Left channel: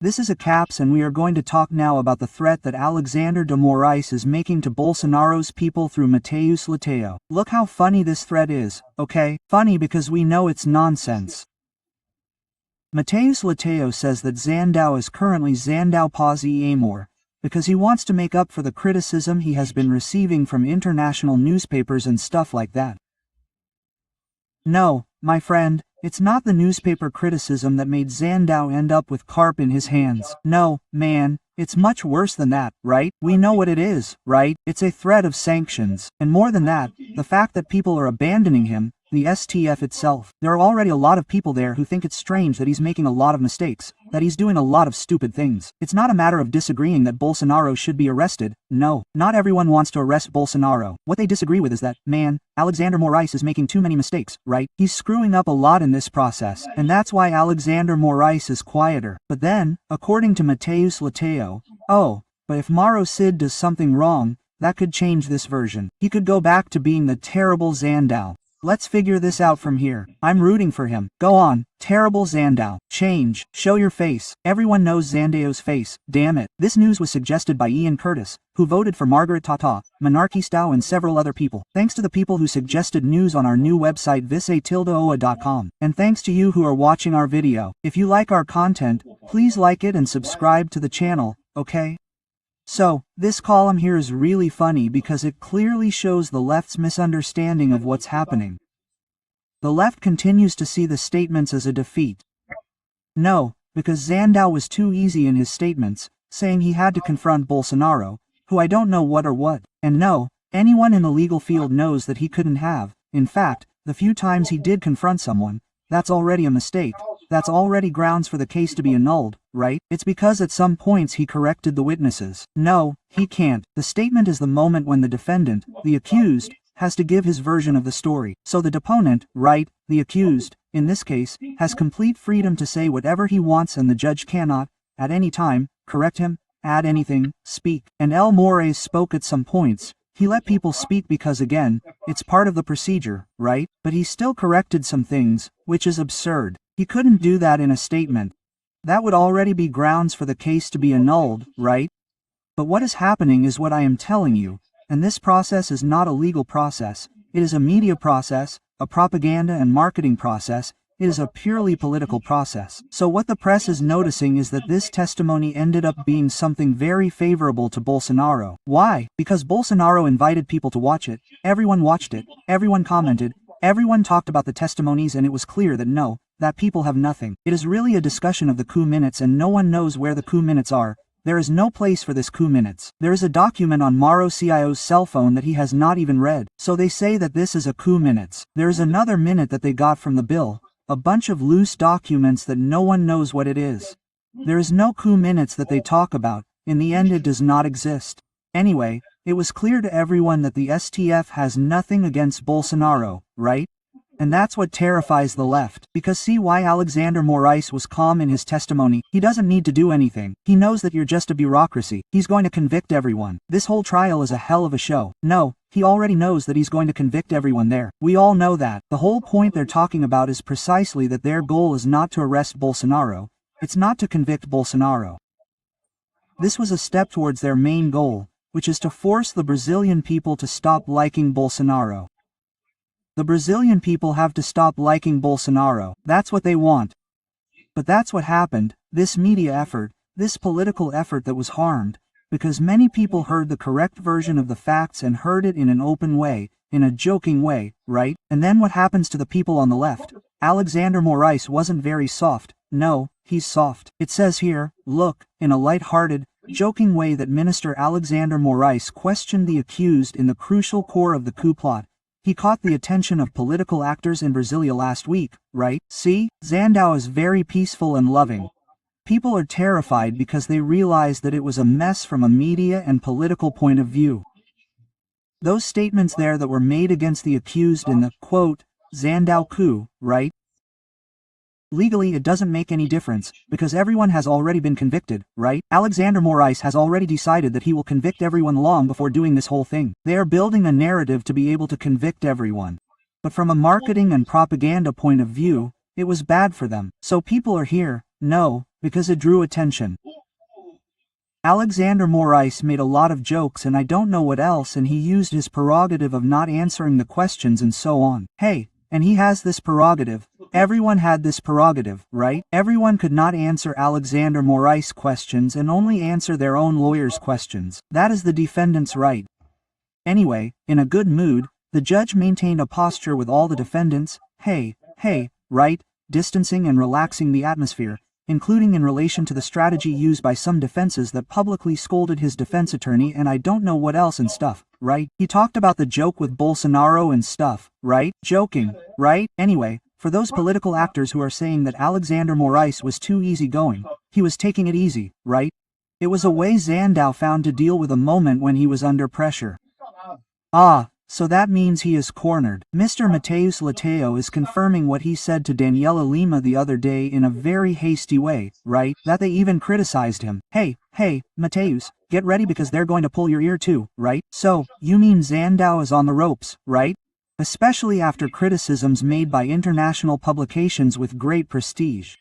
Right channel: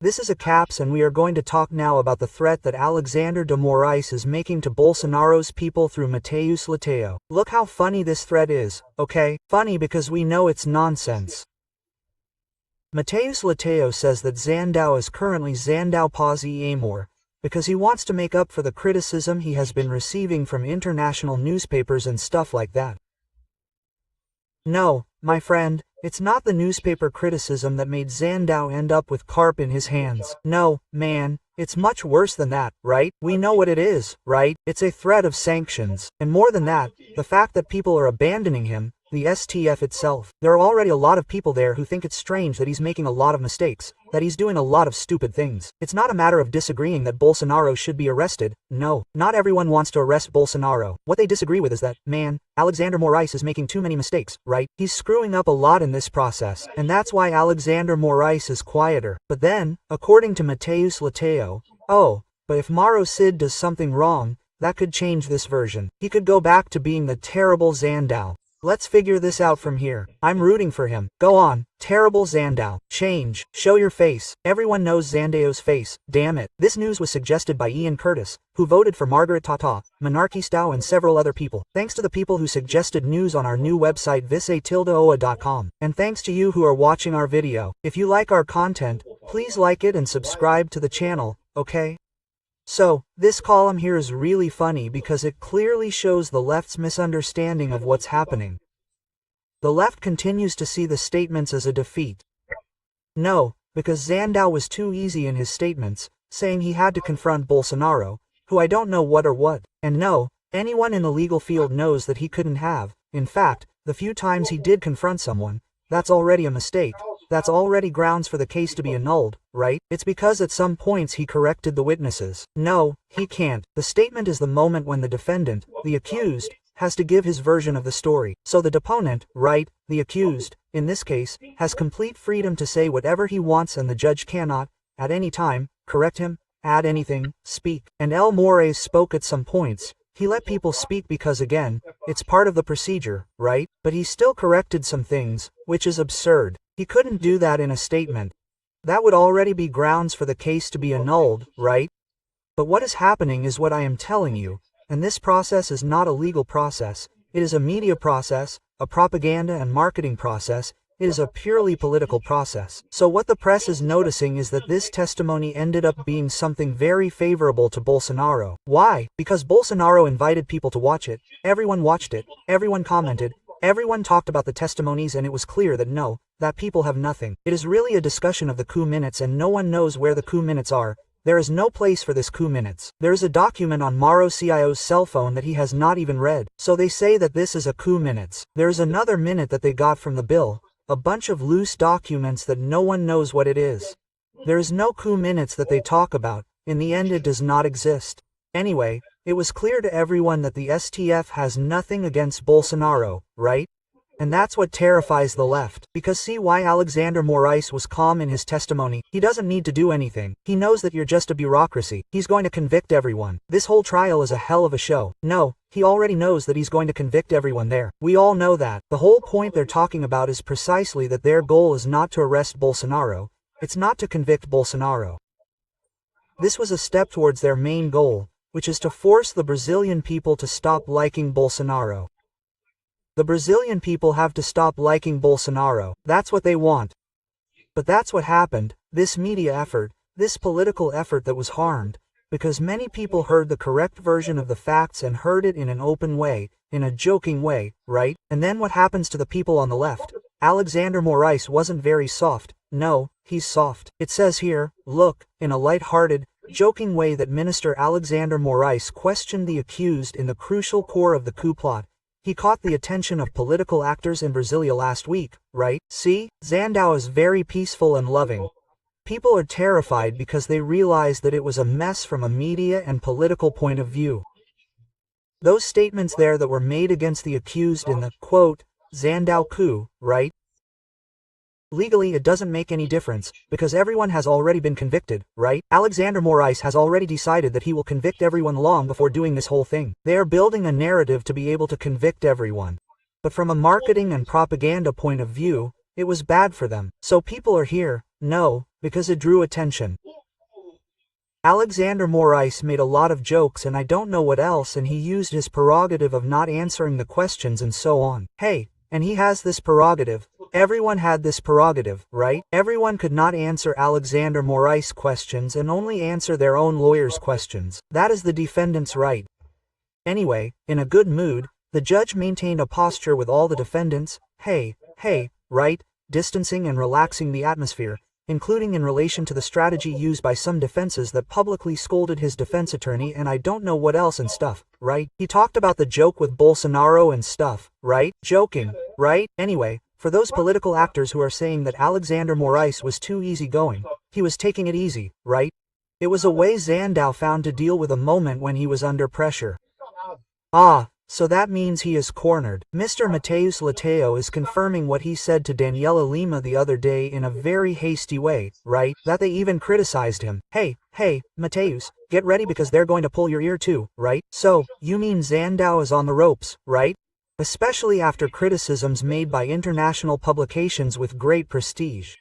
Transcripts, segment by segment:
This is a caps and we are going to talk now about the threat that Alexandre de Moraes is making to Bolsonaro's people through Mateus Lateo. Look how funny this threat is, okay? Funny because we know it's nonsense. Mateus Lateo says that XANDÃO is currently XANDÃO pause amor, because he wants to make up for the criticism he has been receiving from international newspapers and stuff like that. No, my friend, it's not the newspaper criticism that made XANDÃO end up with carp in his hands. No, man, it's much worse than that, right? We know what it is, right? It's a threat of sanctions. And more than that, the fact that people are abandoning him, the STF itself. There are already a lot of people there who think it's strange that he's making a lot of mistakes, that he's doing a lot of stupid things. It's not a matter of disagreeing that Bolsonaro should be arrested. No, not everyone wants to arrest Bolsonaro. What they disagree with is that, man, Alexandre Moraes is making too many mistakes, right? He's screwing up a lot in this process, and that's why Alexandre Moraes is quieter. But then, according to Mateus Lateo, but if Mauro CID does something wrong, that could change this version. He could go back to being the terrible XANDÃO. Let's figure this out from here. I'm rooting for him. Go on, terrible XANDÃO. Change. Show your face. Everyone knows XANDãO's face. Damn it. This news was suggested by Ian Curtis, who voted for Margaret Tata, Monarchistão and several other people. Thanks to the people who suggested news on our new website visa-oa.com. And thanks to you who are watching our video. If you like our content, please like it and subscribe to the channel, okay? So, this column here is really funny because it clearly shows the left's misunderstanding of what's happening. The left continues to see the statements as a defeat. No, because XANDÃO was too easy in his statements, saying he had to confront Bolsonaro, who I don't know what or what. And no, anyone in the legal field knows that he couldn't have. In fact, the few times he did confront someone, that's already a mistake. That's already grounds for the case to be annulled, right? It's because at some points he corrected the witnesses. No, he can't. The statement is the moment when the defendant, the accused, has to give his version of the story. So the deponent, right, the accused, in this case, has complete freedom to say whatever he wants and the judge cannot, at any time, correct him, add anything, speak. And El Moraes spoke at some points. He let people speak because again, it's part of the procedure, right? But he still corrected some things, which is absurd. He couldn't do that in a statement. That would already be grounds for the case to be annulled, right? But what is happening is what I am telling you, and this process is not a legal process, it is a media process, a propaganda and marketing process, it is a purely political process. So what the press is noticing is that this testimony ended up being something very favorable to Bolsonaro. Why? Because Bolsonaro invited people to watch it, everyone watched it, everyone commented, everyone talked about the testimonies and it was clear that no, that people have nothing. It is really a discussion of the coup minutes and no one knows where the coup minutes are. There is no place for this coup minutes. There is a document on Mauro CIO's cell phone that he has not even read. So they say that this is a coup minutes. There is another minute that they got from the bill. A bunch of loose documents that no one knows what it is. There is no coup minutes that they talk about. In the end it does not exist. Anyway, it was clear to everyone that the STF has nothing against Bolsonaro, right? And that's what terrifies the left. Because see why Alexandre Moraes was calm in his testimony. He doesn't need to do anything. He knows that you're just a bureaucracy. He's going to convict everyone. This whole trial is a hell of a show. No, he already knows that he's going to convict everyone there. We all know that. The whole point they're talking about is precisely that their goal is not to arrest Bolsonaro. It's not to convict Bolsonaro. This was a step towards their main goal, which is to force the Brazilian people to stop liking Bolsonaro. The Brazilian people have to stop liking Bolsonaro. That's what they want. But that's what happened, this media effort, this political effort that was harmed, because many people heard the correct version of the facts and heard it in an open way, in a joking way, right? And then what happens to the people on the left? Alexandre Moraes wasn't very soft. No, he's soft. It says here, look, in a light-hearted, joking way that Minister Alexandre Moraes questioned the accused in the crucial core of the coup plot. He caught the attention of political actors in Brasilia last week, right? See, XANDÃO is very peaceful and loving. People are terrified because they realize that it was a mess from a media and political point of view. Those statements there that were made against the accused in the, quote, XANDÃO coup, right? Legally it doesn't make any difference, because everyone has already been convicted, right? Alexandre Moraes has already decided that he will convict everyone long before doing this whole thing. They are building a narrative to be able to convict everyone. But from a marketing and propaganda point of view, it was bad for them. So people are here, No, because it drew attention. Alexander Morais made a lot of jokes and I don't know what else, and he used his prerogative of not answering the questions and so on. Hey, and he has this prerogative. Everyone had this prerogative, right? Everyone could not answer Alexander Morais' questions and only answer their own lawyer's questions. That is the defendant's right. Anyway, in a good mood, the judge maintained a posture with all the defendants, hey, right, distancing and relaxing the atmosphere, including in relation to the strategy used by some defenses that publicly scolded his defense attorney and I don't know what else and stuff, right? He talked about the joke with Bolsonaro and stuff, right? Joking, right? Anyway, for those political actors who are saying that Alexander Morais was too easygoing, he was taking it easy, right? It was a way XANDÃO found to deal with a moment when he was under pressure. Ah, so that means he is cornered. Mr. Mateus Lateo is confirming what he said to Daniela Lima the other day in a very hasty way, right? That they even criticized him. Hey, Mateus, get ready because they're going to pull your ear too, right? So, you mean XANDÁO is on the ropes, right? Especially after criticisms made by international publications with great prestige.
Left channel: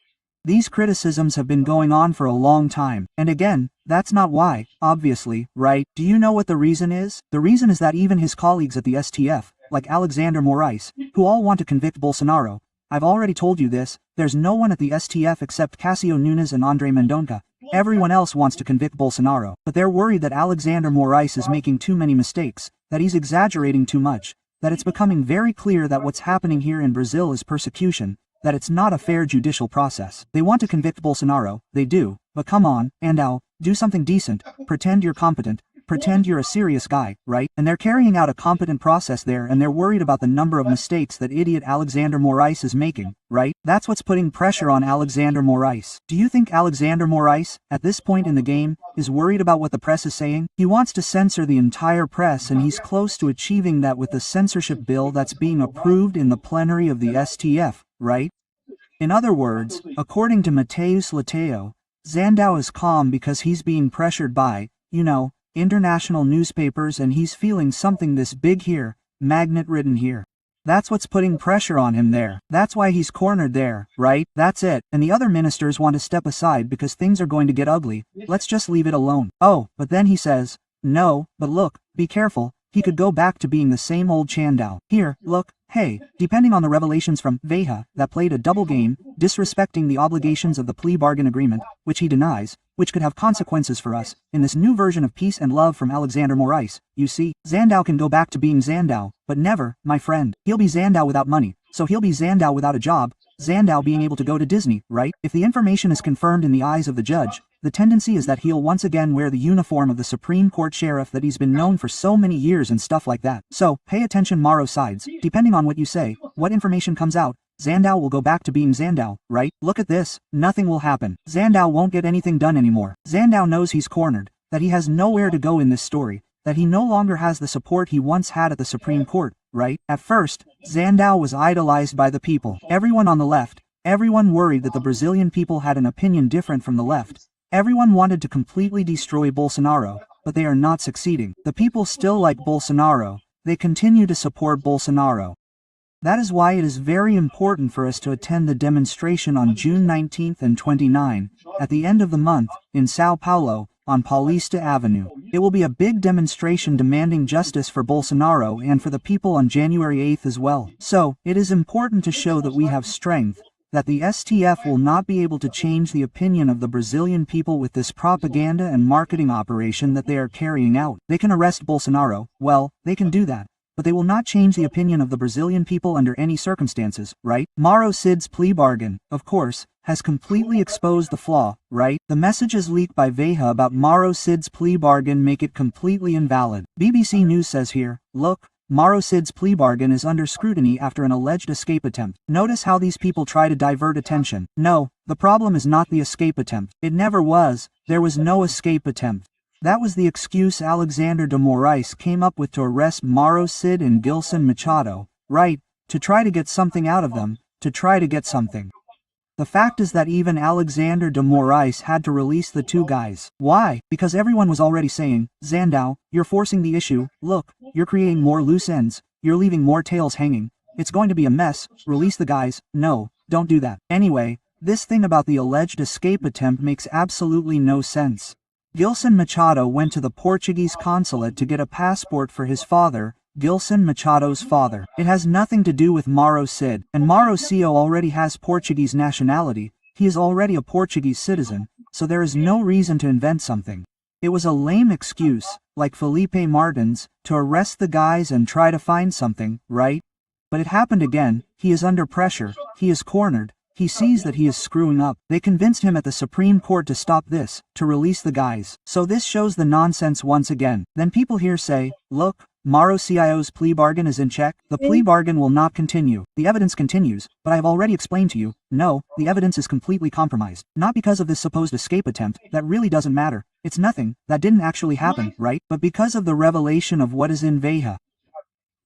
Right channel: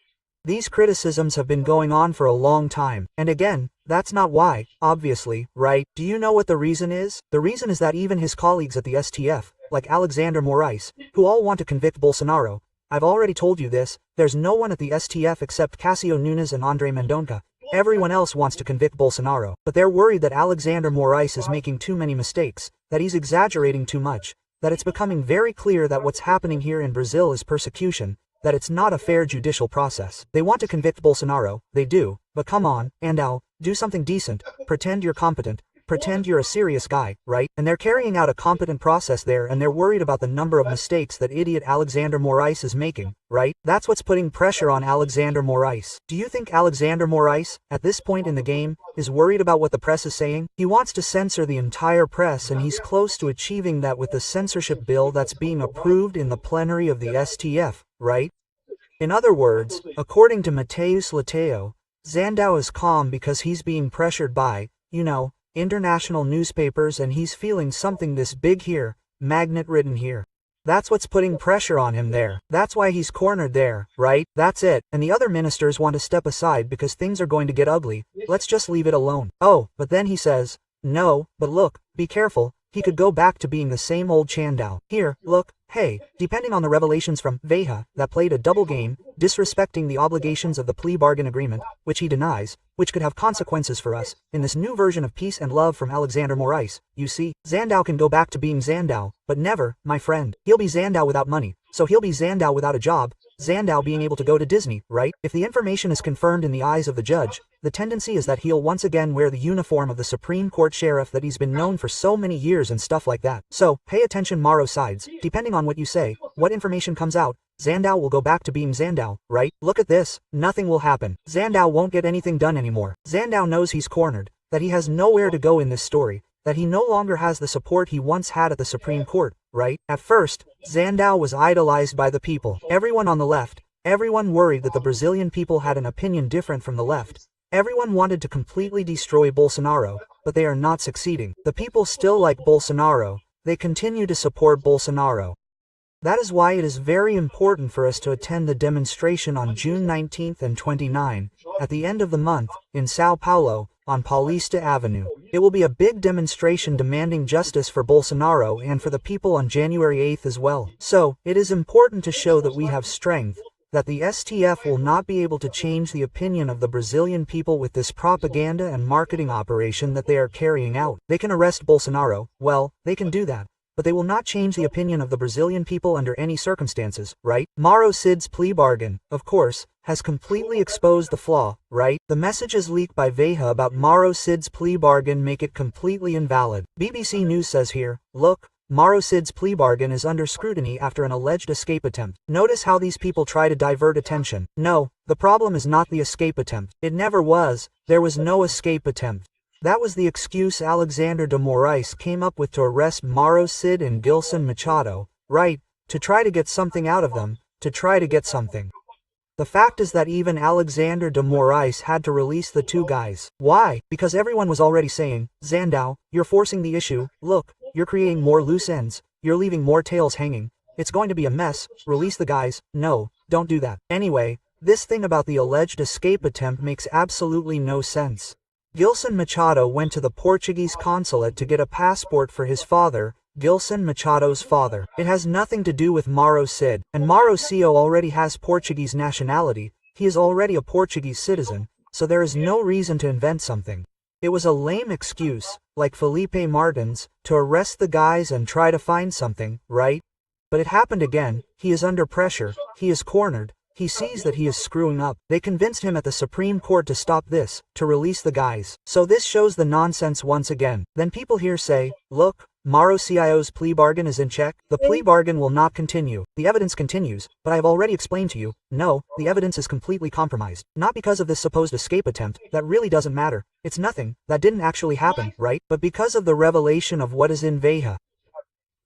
These criticisms have been going on for a long time, and again, that's not why, obviously, right? Do you know what the reason is? The reason is that even his colleagues at the STF, like Alexander Morais, who all want to convict Bolsonaro, I've already told you this, there's no one at the STF except Cássio Nunes and André Mendonça. Everyone else wants to convict Bolsonaro, but they're worried that Alexander Morais is making too many mistakes, that he's exaggerating too much, that it's becoming very clear that what's happening here in Brazil is persecution, that it's not a fair judicial process. They want to convict Bolsonaro, they do, but come on, XANDÁO, do something decent, pretend you're competent, pretend you're a serious guy, right? And they're carrying out a competent process there and they're worried about the number of mistakes that idiot Alexander Morais is making, right? That's what's putting pressure on Alexander Morais. Do you think Alexander Morais, at this point in the game, is worried about what the press is saying? He wants to censor the entire press and he's close to achieving that with the censorship bill that's being approved in the plenary of the STF, right? In other words, according to Mateus Lateo, XANDÁO is calm because he's being pressured by, international newspapers and he's feeling something this big here, magnet written here. That's what's putting pressure on him there. That's why he's cornered there, right? That's it. And the other ministers want to step aside because things are going to get ugly. Let's just leave it alone. Oh, but then he says, no, but look, be careful. He could go back to being the same old XANDÁO. Here, look, hey, depending on the revelations from Veja that played a double game, disrespecting the obligations of the plea bargain agreement, which he denies, which could have consequences for us, in this new version of Peace and Love from Alexander Morais, you see, XANDÁO can go back to being XANDÁO, but never, my friend. He'll be XANDÁO without money, so he'll be XANDÁO without a job, XANDÁO being able to go to Disney, right? If the information is confirmed in the eyes of the judge, the tendency is that he'll once again wear the uniform of the Supreme Court sheriff that he's been known for so many years and stuff like that. So, pay attention Mauro sides, depending on what you say, what information comes out, XANDÁO will go back to being XANDÁO, right? Look at this, nothing will happen. XANDÁO won't get anything done anymore. XANDÁO knows he's cornered, that he has nowhere to go in this story, that he no longer has the support he once had at the Supreme Court, right? At first, XANDÁO was idolized by the people. Everyone on the left, everyone worried that the Brazilian people had an opinion different from the left. Everyone wanted to completely destroy Bolsonaro, but they are not succeeding. The people still like Bolsonaro, they continue to support Bolsonaro. That is why it is very important for us to attend the demonstration on June 19th and 29, at the end of the month, in São Paulo, on Paulista Avenue. It will be a big demonstration demanding justice for Bolsonaro and for the people on January 8th as well. So, it is important to show that we have strength, that the STF will not be able to change the opinion of the Brazilian people with this propaganda and marketing operation that they are carrying out. They can arrest Bolsonaro, well, they can do that, but they will not change the opinion of the Brazilian people under any circumstances, right? Mauro Cid's plea bargain, of course, has completely exposed the flaw, right? The messages leaked by Veja about Mauro Cid's plea bargain make it completely invalid. BBC News says here, look, Mauro Cid's plea bargain is under scrutiny after an alleged escape attempt. Notice how these people try to divert attention. No, the problem is not the escape attempt. It never was. There was no escape attempt. That was the excuse Alexander de Morais came up with to arrest Mauro Cid and Gilson Machado, right? To try to get something out of them, to try to get something. The fact is that even Alexander de Morais had to release the two guys. Why? Because everyone was already saying, XANDÁO, you're forcing the issue, look, you're creating more loose ends, you're leaving more tails hanging, it's going to be a mess, release the guys, no, don't do that. Anyway, This thing about the alleged escape attempt makes absolutely no sense. Gilson Machado went to the Portuguese consulate to get a passport for his father, Gilson Machado's father. It has nothing to do with Mauro Cid, and Mauro Cio already has Portuguese nationality. He is already a Portuguese citizen, so there is no reason to invent something. It was a lame excuse, like Felipe Martins, to arrest the guys and try to find something, right? But it happened again. He is under pressure, he is cornered, he sees that he is screwing up. They convinced him at the Supreme Court to stop this, to release the guys. So this shows the nonsense once again. Then people here say, look, Mauro Cio's plea bargain is in check. The plea bargain will not continue. The evidence continues, but I have already explained to you, no, the evidence is completely compromised. Not because of this supposed escape attempt, that really doesn't matter. It's nothing, that didn't actually happen, right? But because of the revelation of what is in Veja.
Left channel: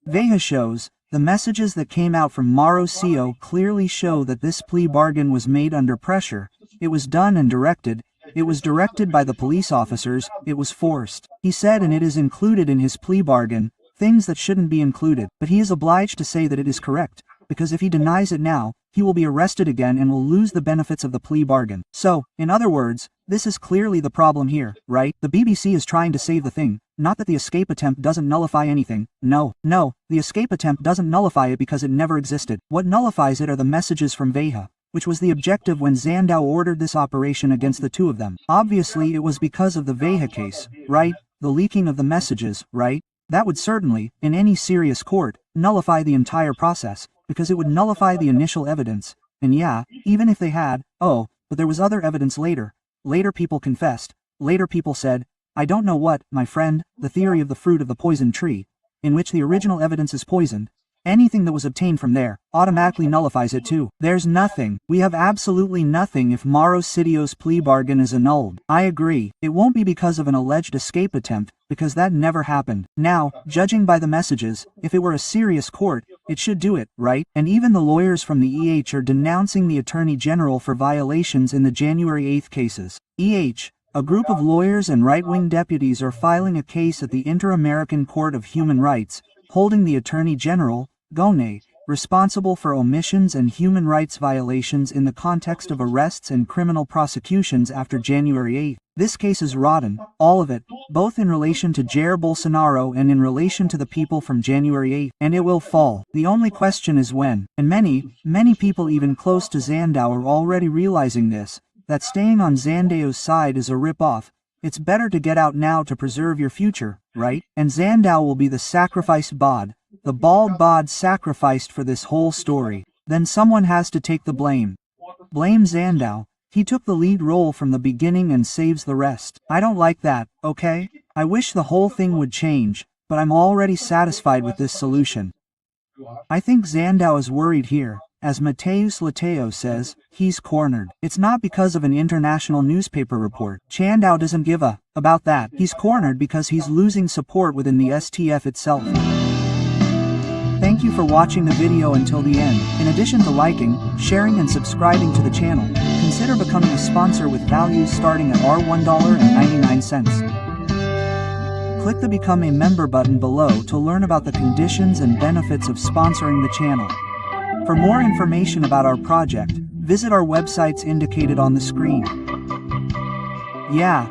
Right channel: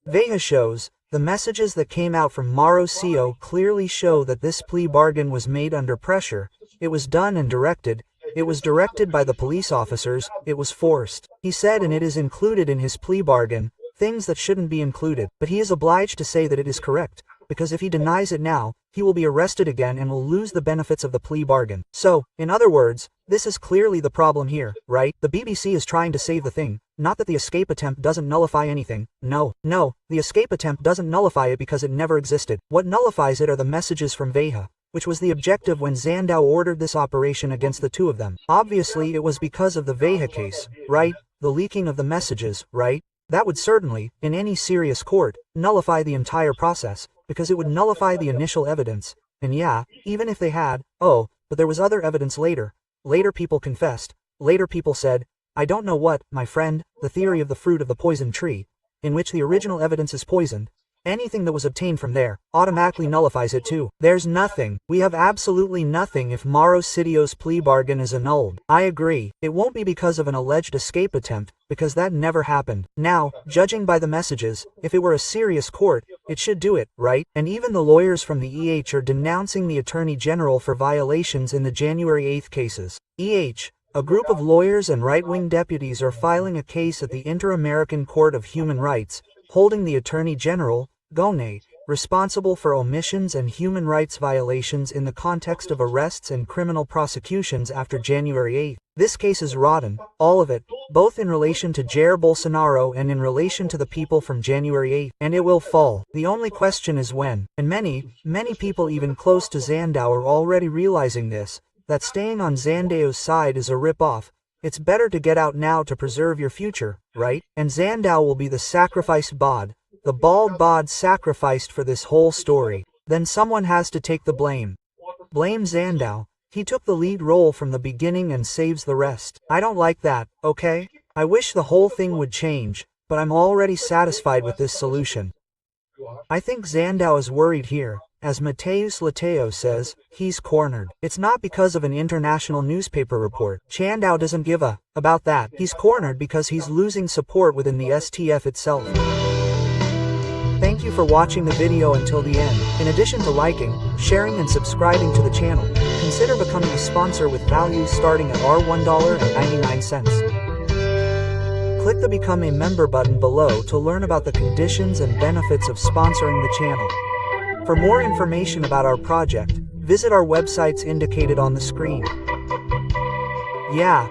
Veja shows, the messages that came out from Mauro Cio clearly show that this plea bargain was made under pressure. It was done and directed. It was directed by the police officers, it was forced. He said, and it is included in his plea bargain, things that shouldn't be included, but he is obliged to say that it is correct, because if he denies it now, he will be arrested again and will lose the benefits of the plea bargain. So, in other words, this is clearly the problem here, right? The BBC is trying to save the thing, not that the escape attempt doesn't nullify anything. No, the escape attempt doesn't nullify it because it never existed. What nullifies it are the messages from Veja, which was the objective when XANDÃO ordered this operation against the two of them. Obviously it was because of the Veja case, right? The leaking of the messages, right? That would certainly, in any serious court, nullify the entire process, because it would nullify the initial evidence. And yeah, even if they had, but there was other evidence later. Later people confessed. Later people said, I don't know what, my friend, the theory of the fruit of the poison tree, in which the original evidence is poisoned. Anything that was obtained from there automatically nullifies it too. There's nothing. We have absolutely nothing if Mauro Cio's plea bargain is annulled. I agree. It won't be because of an alleged escape attempt, because that never happened. Now, judging by the messages, if it were a serious court, it should do it, right? And even the lawyers from the EH are denouncing the Attorney General for violations in the January 8th cases. A group of lawyers and right-wing deputies are filing a case at the Inter-American Court of Human Rights, holding the Attorney General, Gone, responsible for omissions and human rights violations in the context of arrests and criminal prosecutions after January 8. This case is rotten, all of it, both in relation to Jair Bolsonaro and in relation to the people from January 8, and it will fall. The only question is when, and many people even close to XANDÃO are already realizing this, that staying on XANDãO's side is a rip-off. It's better to get out now to preserve your future, right? And XANDÃO will be the sacrificed bod, the bald bod sacrificed for this whole story. Then someone has to take the blame. Blame XANDÃO. He took the lead role from the beginning and saves the rest. I don't like that, okay? I wish the whole thing would change, but I'm already satisfied with this solution. I think XANDÁO is worried here. As Mateus Lateo says, he's cornered. It's not because of an international newspaper report. XANDÁO doesn't give a about that. He's cornered because he's losing support within the STF itself. Thank you for watching the video until the end. In addition to liking, sharing and subscribing to the channel, consider becoming a sponsor with values starting at $1.99. Click the Become a Member button below to learn about the conditions and benefits of sponsoring the channel. For more information about our project, visit our websites indicated on the screen. Yeah,